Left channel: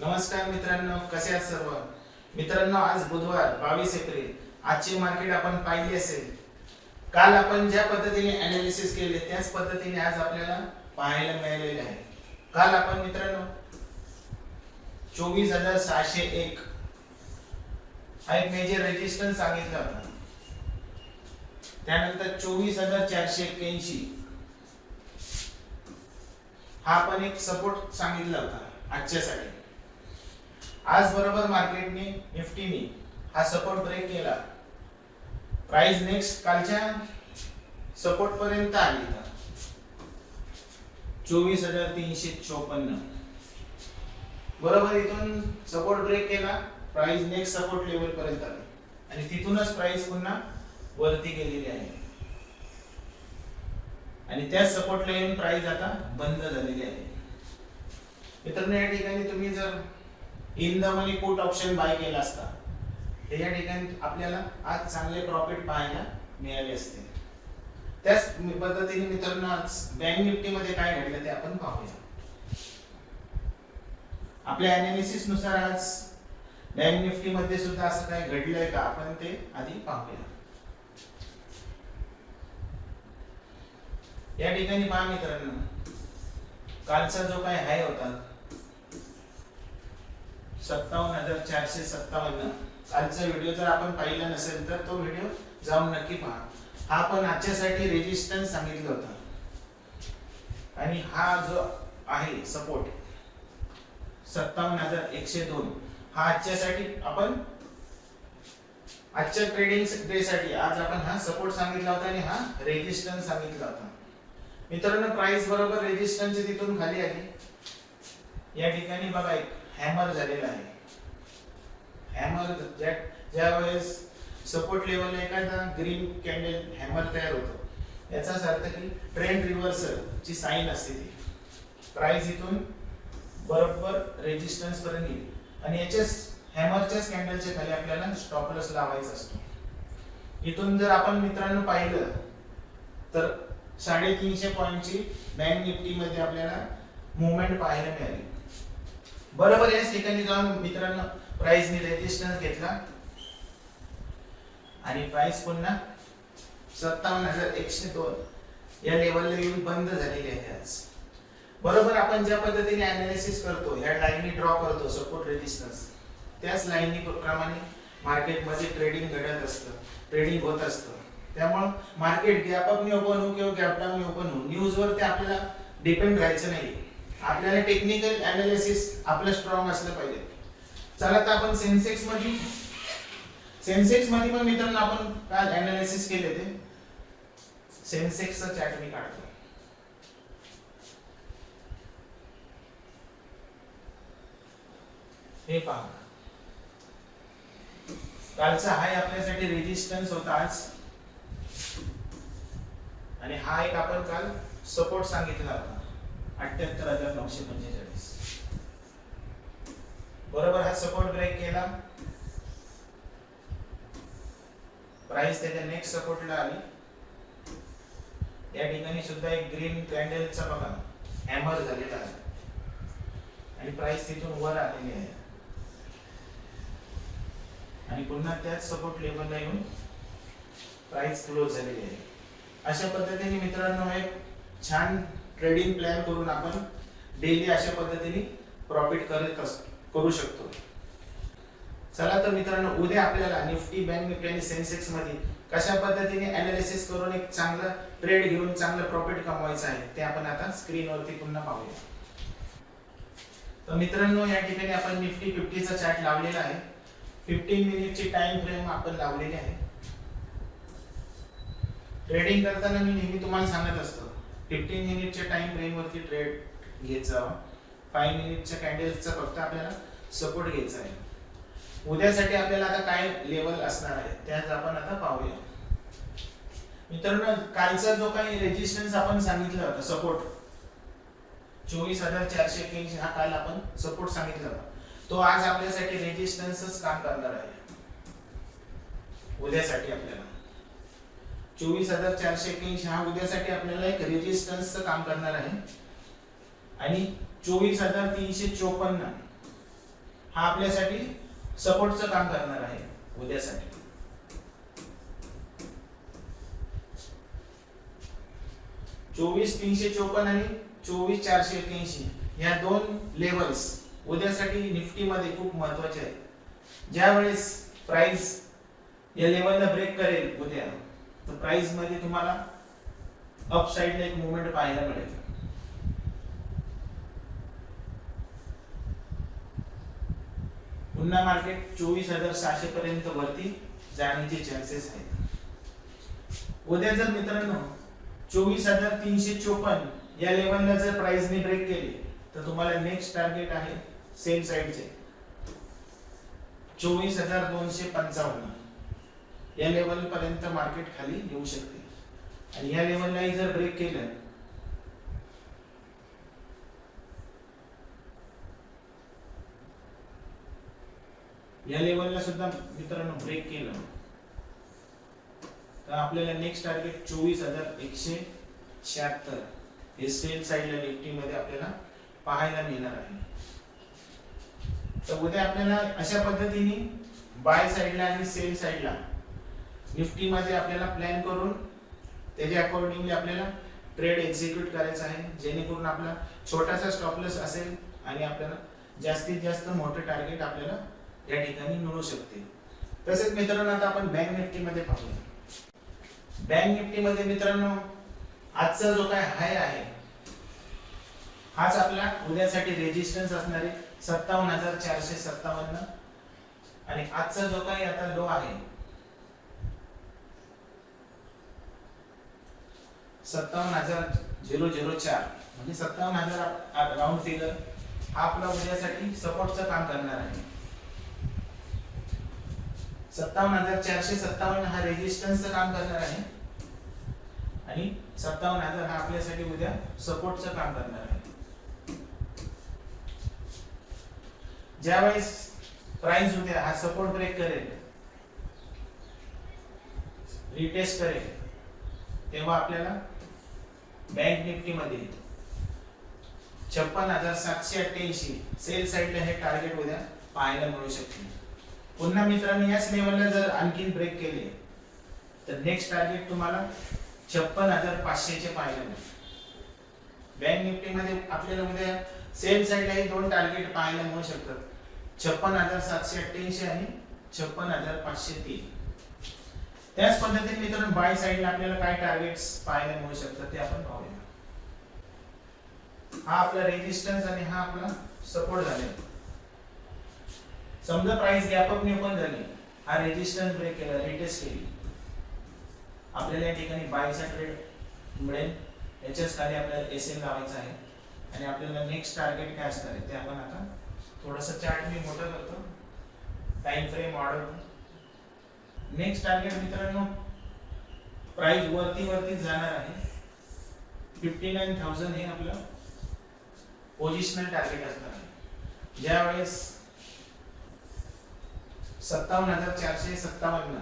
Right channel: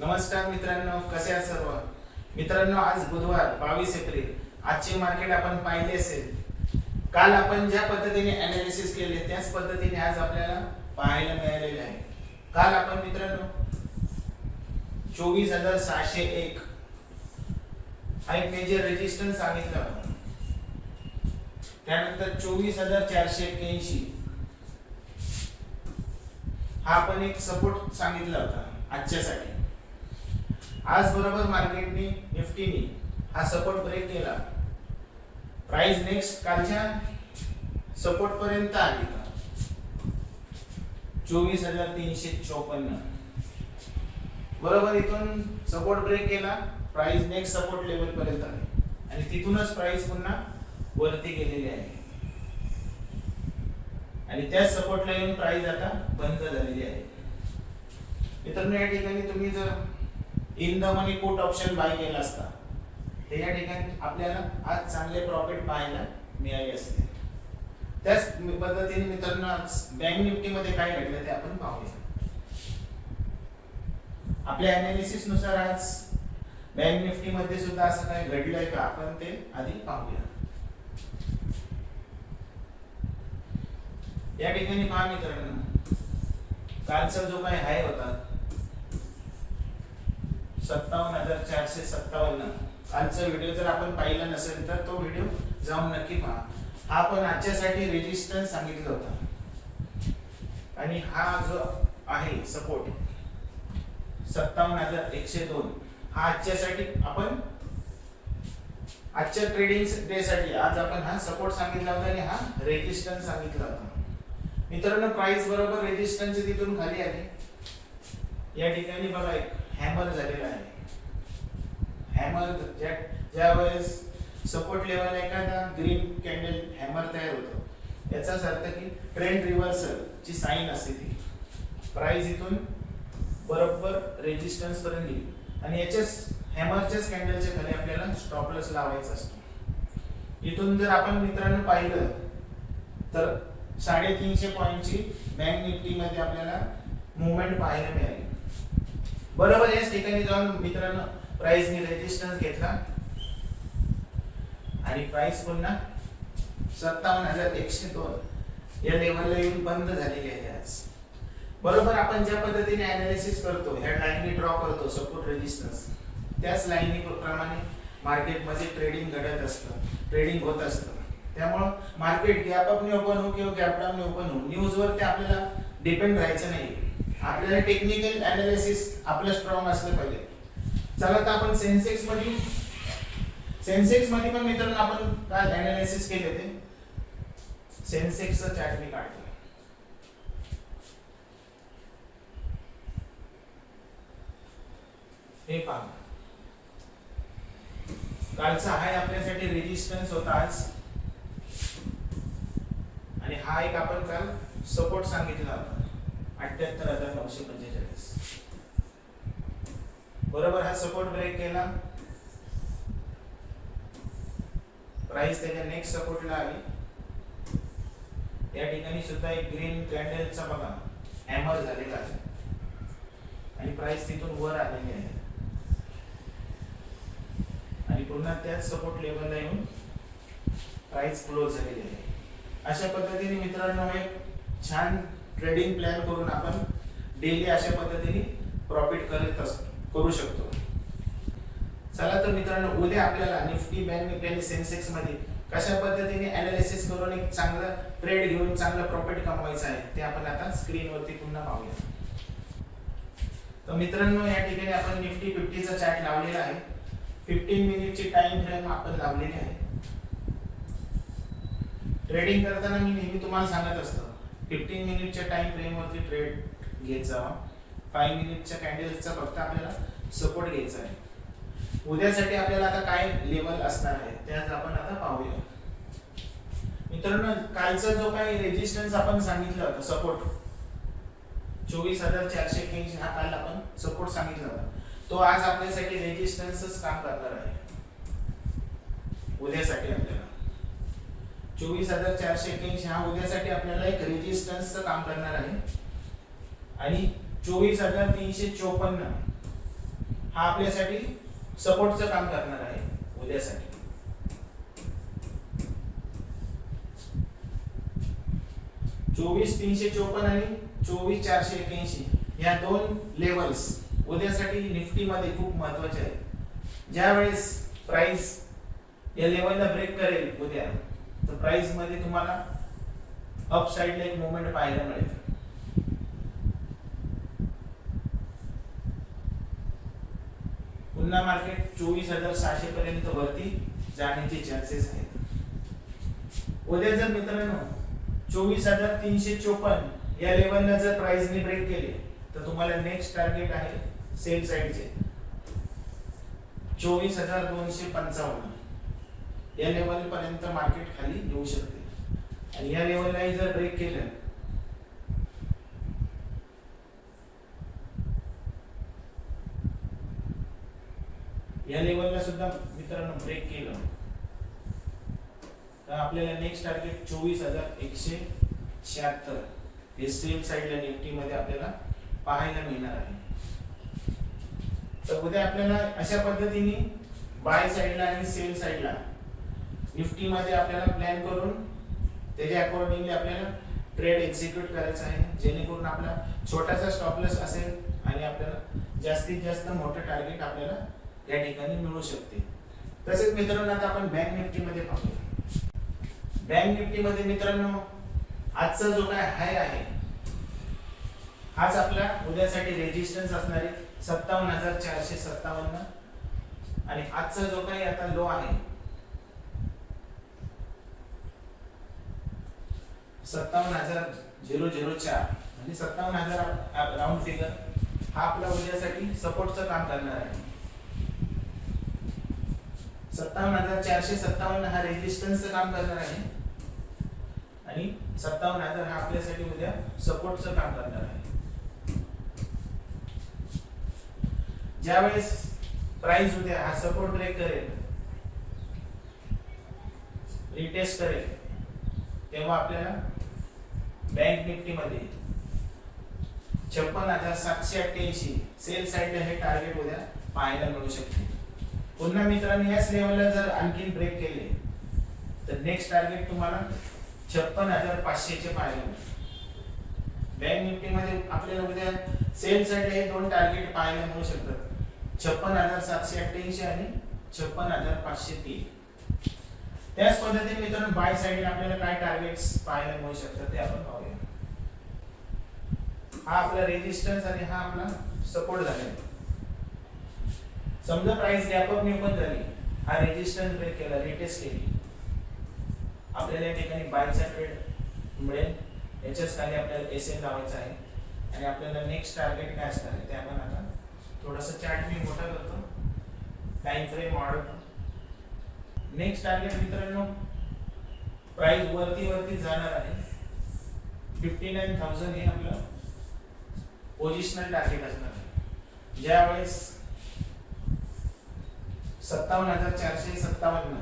नमस्कार मित्रांनो, कसे आहात सर्व मित्रांनो? आज बुधवार 22 एप्रिल. आजचे मार्केट आपण पाहिले असेल. काल आपण ज्या पद्धतीने अनालिसिस केले त्याच पद्धतीने आज आपल्याला पाहायला मिळालेले आहे. काल आपण मित्रांनो 24,601 हा एक मेजर रेजिस्टन्स सांगितला होता. त्यानंतर 24,481 हा पण एक सपोर्ट सांगितला होता आजच्यासाठी. आज बरोबर मार्केटने निफ्टीने हा सपोर्ट ब्रेक केला. प्राइस नेक्स्ट कालच्या सपोर्ट पर्यंत आली 24,354 बरोबर. इथून सपोर्ट ब्रेक केला, प्राइस नेक्स्ट सपोर्ट लेवल पर्यंत आली आणि तिथूनच प्राइस पुन्हा वरती गेलेली आहे आणि त्या सपोर्ट लाईन प्राइस आता बंद झालेली आहे. मित्रांनो, या ठिकाणी तुम्ही जर in the money put option buy केला असता तर या ठिकाणी आपल्याला आज चांगले प्रॉफिट पाहायला मिळाले असते. त्याच पद्धतीने मित्रांनो आज बँक निफ्टी मध्ये काय घडलं ते आपण पाहूया. आपल्या अनालिसिस नुसार आज बँक निफ्टी मध्ये सुद्धा असं काय घडलंय का आपण ते आधी पाहूया. या ठिकाणी पहा मित्रांनो, कालचा जो काय हाय होता 57,457, कालचा व्हिडिओ जर आपण पाहिला नसेल तर तो व्हिडिओ जाऊन नक्की पहा. हा पण आजच्यासाठी रेजिस्टन्स सांगितलं होतं आणि हा जो आहे सपोर्ट 57,102 हा आजच्यासाठी आपण आजच्या ट्रेडिंग डे साठी आज आपण हा सपोर्ट सांगितला होता आणि हा रेजिस्टन्स सांगितला होता. मित्रांनो, प्राइस बरोबर रेजिस्टन्स तिथून खाली आली. या ठिकाणी बघा एक हॅमर झालेला आहे. हॅमर ज्या वेळेस सपोर्ट लेवल एखादा ग्रीन कॅन्डल हॅमर तयार होतो याचाच अर्थ की ट्रेंड रिव्हर्सल ची साइन असते ती. प्राइस इथून बरोबर रेजिस्टन्स पर्यंत येईल आणि याच्याच हॅमरच्याच कॅन्डलच्या खाली आपल्याला स्टॉप लॉस लावायचा असतो. इथून जर आपण मित्रांनो पाहिलं तर 350 पॉइंटची बँक निफ्टी मध्ये आपल्याला मूवमेंट पाहायला मिळाली. बरोबर याच ठिकाणी जाऊन मित्रांनो प्राइसने रेजिस्टन्स घेतला आणि प्राइस पुन्हा 57,102 या लेवलला येऊन बंद झालेली आहे आज. बरोबर आपण ज्या पद्धतीने अनालिसिस करतो, या लाईननी ड्रॉ करतो सपोर्ट रेजिस्टन्स, त्याच लाईननी प्रमाणे मार्केट मध्ये ट्रेडिंग घडत असतं, ट्रेडिंग होत असतं. त्यामुळे मार्केट गॅप अप ने ओपन हो किंवा गॅप डाऊन ने ओपन हो, न्यूज वर ते आपल्याला डिपेंड राहायचं नाही. आपल्याला टेक्निकल अनालिसिस आपलं स्ट्रॉंग असलं पाहिजे. चला तर आपण सेन्सेक्स मध्ये पण मित्रांनो आपण काय अनालिसिस केले ते सेन्सेक्सचा चार्ट मी काढतो. हे पहा, कालचा हाय आपल्यासाठी रेजिस्टन्स होता आज आणि हा एक आपण काल सपोर्ट सांगितला होता 78,945. बरोबर हा सपोर्ट ब्रेक केला, प्राइस त्याच्या नेक्स्ट सपोर्टला आली. या ठिकाणी सुद्धा एक ग्रीन कॅन्डलचा बघा हॅमर झालेला आहे आणि प्राइस तिथून वर आलेली आहे आणि पुन्हा त्याच सपोर्ट लेवलला येऊन प्राइस क्लोज झालेली आहे. अशा पद्धतीने मित्रांनो एक छान ट्रेडिंग प्लॅन करून आपण डेली अशा पद्धतीने प्रॉफिट करू शकतो. चला तर मित्रांनो, उद्या आपल्याला निफ्टी, बँक निफ्टी आणि सेन्सेक्स मध्ये कशा पद्धतीने अनालिसिस करून एक चांगला ट्रेड घेऊन चांगला प्रॉफिट कमवायचा आहे ते आपण आता स्क्रीनवरती पुन्हा पाहूया. तर मित्रांनो, या ठिकाणी आपण निफ्टी 50 चा चार्ट लावलेला आहे. 15 मिनिटची टाइम फ्रेम आपण लावलेली आहे. ट्रेडिंग करताना मी नेहमी तुम्हाला सांगत असतो 15 मिनिटच्या टाइम फ्रेम वरती ट्रेड घ्यायचा. 5 मिनिटच्या कॅन्डल्सचा फक्त आपल्याला सपोर्ट घ्यायचा आहे. उद्यासाठी आपल्याला आता काय लेवल असणार आहे त्याच आपण आता पाहूया. मित्रांनो, कालचा जो काही रेजिस्टन्स आपण सांगितलं होतं सपोर्ट 24,481 हा काल आपण सपोर्ट सांगितला होता, तो आज आपल्यासाठी रेजिस्टन्सच काम करणार आहे. उद्यासाठी आपल्याला 24,481 हा उद्यासाठी आपल्याला एक रेजिस्टन्स काम करणार आहे आणि 24,354 हा आपल्यासाठी सपोर्टचं काम करणार आहे उद्यासाठी. 24,354 आणि 24,481 या दोन लेवल्स उद्यासाठी निफ्टी मध्ये खूप महत्वाचे आहेत. ज्या वेळेस प्राइस या लेवलला ब्रेक करेल उद्या, तर प्राइस मध्ये तुम्हाला अप साइडला एक मूवमेंट पाहायला मिळेल. पुन्हा मार्केट 24,600 पर्यंत वरती जाण्याचे चान्सेस आहेत. उद्या जर मित्रांनो 24,354 या लेवलला जर प्राइसने ब्रेक केले, तर तुम्हाला नेक्स्ट टार्गेट आहे सेल साइडचे 24,255 या लेवल पर्यंत मार्केट खाली येऊ शकते. आणि या लेवलला जर ब्रेक केलं, या लेवलला सुद्धा मित्रांनो ब्रेक केलं, तर आपल्याला नेक्स्ट टार्गेट 24,176 हे सेल साइडला निफ्टी मध्ये आपल्याला पाहायला मिळणार आहे. तर उद्या आपल्याला अशा पद्धतीने बाय साइडला आणि सेल साइडला निफ्टी मध्ये आपल्याला प्लॅन करून त्याच्या अकॉर्डिंगली आपल्याला ट्रेड एक्झिक्यूट करायचा आहे, जेणेकरून आपला छोटासा स्टॉप लॉस असेल आणि आपल्याला जास्तीत जास्त मोठं टार्गेट आपल्याला या ठिकाणी मिळू शकते. तसेच मित्रांनो आता आपण बँक निफ्टी मध्ये पाहूया. बँक निफ्टी मध्ये मित्रांनो आजचा जो काय हाय आहे, हाच आपला उद्यासाठी रेजिस्टन्स असणार आहे 57,457 आणि आजचा जो काही आता लो आहे 57,004 म्हणजे 57,000 राऊंड फिगर हा आपला उद्यासाठी सपोर्टचं काम करणार आहे. 57,457 हा रेजिस्टन्सचं काम करणार आहे आणि 57,000 हा आपल्यासाठी उद्या सपोर्टचं काम करणार आहे. ज्यावेळेस प्राइस उद्या हा सपोर्ट ब्रेक करेल, रिटेस्ट करेल, तेव्हा आपल्याला बँक निफ्टी मध्ये 56,788 सेल साइडला हे टार्गेट उद्या पाहायला मिळू शकते. पुन्हा मित्रांनो याच लेवलला जर आणखी ब्रेक केले, तर नेक्स्ट टार्गेट तुम्हाला 56,500 चे पाहायला मिळेल. बँक निफ्टी मध्ये आपल्याला उद्या सेल साइडला हे दोन टार्गेट पाहायला मिळू शकतात, 56,788 आणि 56,503. त्याच पद्धतीने मित्रांनो बाय साइडला आपल्याला काय टार्गेट्स पाहायला मिळू शकतात ते आपण पाहूया. हा आपला रेजिस्टन्स आणि हा आपला सपोर्ट झाला. समजा प्राइस गॅप अप ओपन झाली, हा रेजिस्टन्स ब्रेक केला, रिटेस्ट केली, आपल्याला या ठिकाणी बायचा ट्रेड मिळेल. याच्याच खाली आपल्याला एसएन लावायचा आहे आणि आपल्याला नेक्स्ट टार्गेट काय असणार आहे ते आपण आता थोडासा चार्ट मी मोठा करतो, टाइम फ्रेम वाढवतो. नेक्स्ट टार्गेट मित्रांनो प्राइस वरती जाणार आहे 59,000 हे आपलं पोझिशनल टार्गेट असणार आहे. ज्यावेळेस 57,457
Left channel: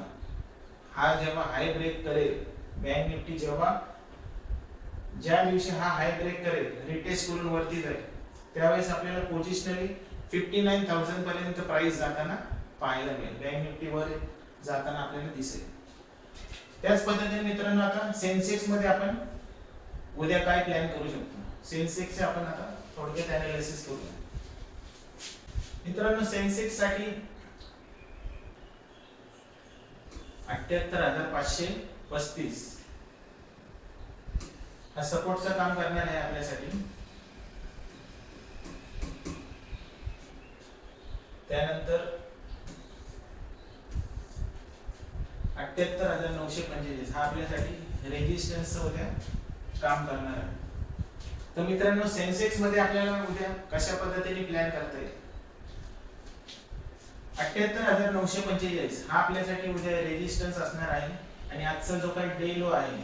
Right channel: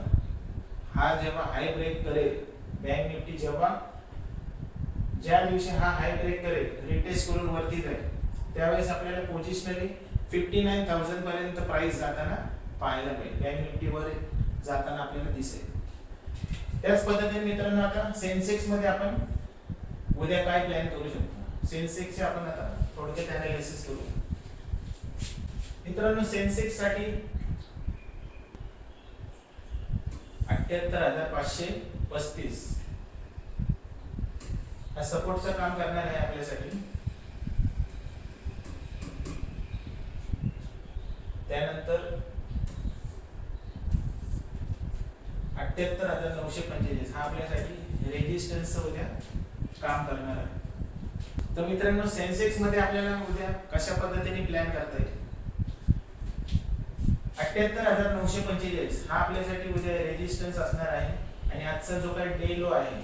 हा जेव्हा हाय ब्रेक करेल, बँक निफ्टी जेव्हा ज्या दिवशी हा हाय ब्रेक करेल, रिटेस्ट करून वरती जाईल, त्यावेळेस आपल्याला पोझिशनली 59,000 पर्यंत प्राइस जाताना पाहायला मिळेल. बँक निफ्टी वर जाताना आपल्याला दिसेल. त्याच पद्धतीने मित्रांनो आता सेन्सेक्स मध्ये आपण उद्या काय प्लॅन करू शकतो, सेन्सेक्सचे आपण आता थोडक्यात अनालिसिस करूया. मित्रांनो सेन्सेक्स साठी 78,535 हा सपोर्टचं काम करणार आहे आपल्यासाठी. त्यानंतर 78,945 हा आपल्यासाठी रेजिस्टन्सचं उद्या काम करणार आहे. तर मित्रांनो सेन्सेक्स मध्ये आपल्याला उद्या कशा पद्धतीने प्लॅन करता येईल. 78,945 हा आपल्यासाठी उद्या रेजिस्टन्स असणार आहे आणि आजचा जो काही डे लो आहे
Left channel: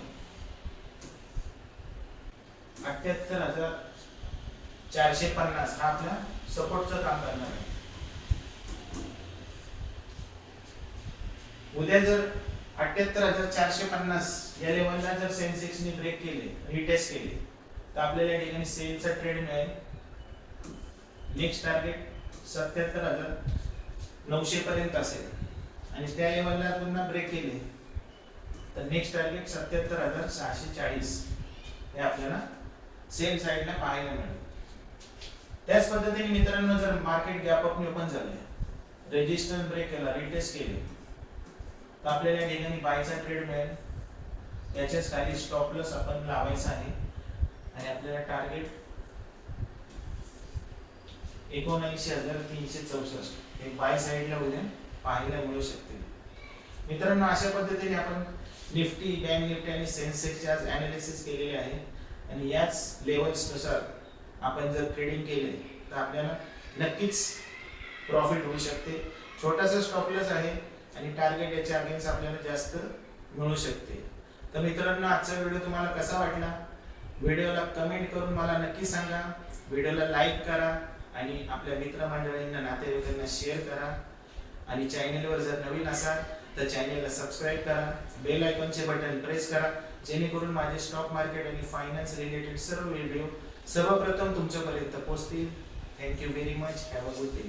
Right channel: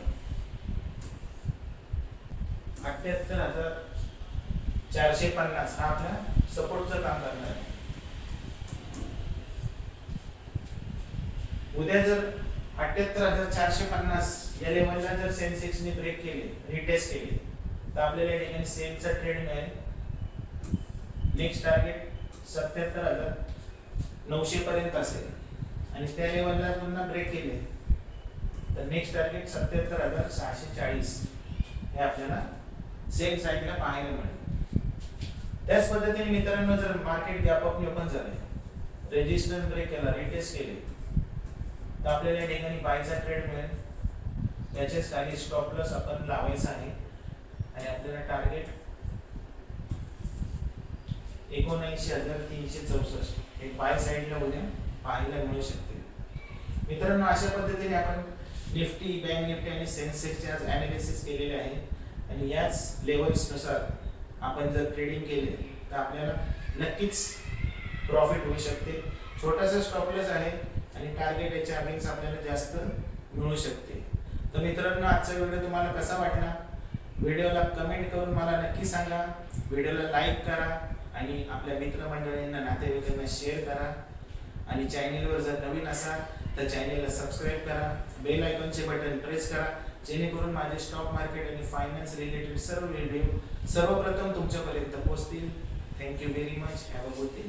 78,450 हा आपल्या सपोर्टचं काम करणार आहे. उद्या जर 78,450 या लेवलला जर सेन्सेक्सने ब्रेक केले, रिटेस्ट केले, तर आपल्याला या ठिकाणी सेलचा ट्रेड मिळेल. नेक्स्ट टार्गेट 77,900 पर्यंत असेल आणि त्या लेवलला पुन्हा ब्रेक केले तर नेक्स्ट टार्गेट 77,640 हे आपल्याला सेल साइडला पाहायला मिळेल. त्याच पद्धतीने मित्रांनो जर मार्केट गॅप अप ओपन झाले, रेजिस्टन्स ब्रेक केला, रिटेस्ट केले तर आपल्याला या ठिकाणी बायचा ट्रेड मिळेल. याच्याच खाली स्टॉप लॉस आपण लावायचा आहे आणि आपल्याला टार्गेट 79,364 हे बाय साइडला उद्या पाहायला मिळू शकते. मित्रांनो अशा पद्धतीने आपण निफ्टी, बँक निफ्टी आणि सेन्सेक्सचे आज एनालिसिस केलेले आहे आणि याच लेवल्स नुसार आपण जर ट्रेडिंग केले तर आपल्याला नक्कीच प्रॉफिट होऊ शकते. छोटासा स्टॉप लॉस आहे आणि टार्गेट याच्या अगेन्स्ट आपल्याला जास्त मिळू शकते. तर मित्रांनो आजचा व्हिडिओ तुम्हाला कसा वाटला? व्हिडिओला कमेंट करून मला नक्की सांगा. व्हिडिओला लाईक करा आणि आपल्या मित्रमंडळींना, नातेवाईकांना शेअर करा आणि चॅनलवर जर नवीन असाल तर चॅनलला सबस्क्राईब करा, बेल आयकॉनचे बटन प्रेस करा जेणेकरून माझे स्टॉक मार्केट आणि फायनान्स रिलेटेड सर्व व्हिडिओ सर्वप्रथम तुमच्यापर्यंत पोहोचतील. Thank you very much. Have a good day.